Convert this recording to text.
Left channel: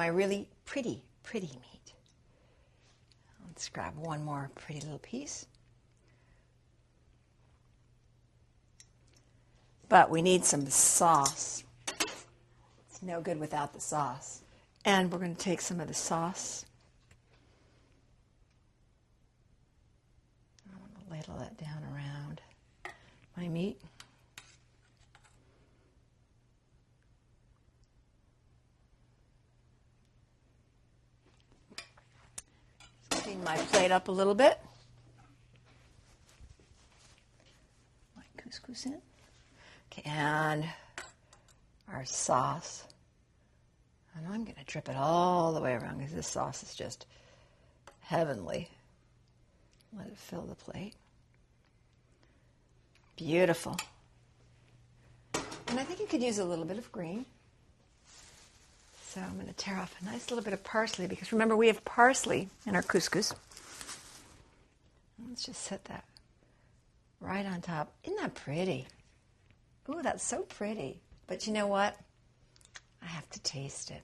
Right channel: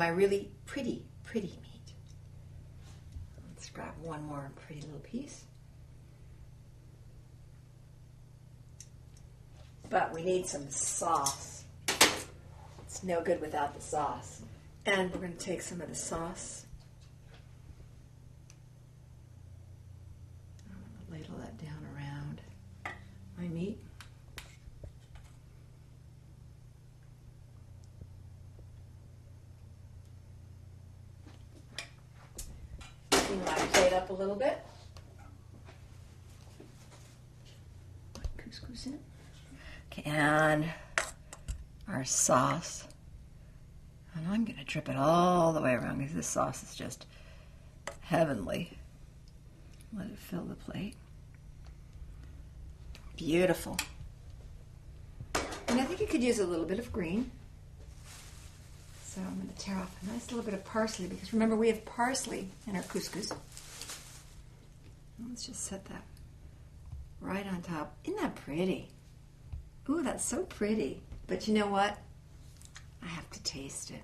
my really pretty meat. Let's grab one more pretty little piece. But we need some sauce. It's no good without the sauce. And we're going to take some of the sauce. I want to ladle that down around my meat. Clean my plate up a little bit. Put couscous in. Okay, and our sauce. And I'm going to drip it all the way around because this sauce is just heavenly. Let it fill the plate. Beautiful. And I think you could use a little bit of green. So I'm going to tear off a nice little bit of parsley because remember we have parsley in our couscous. Let's just set that right on top. Isn't that pretty? Ooh, that's so pretty. But you know what? I have to taste it.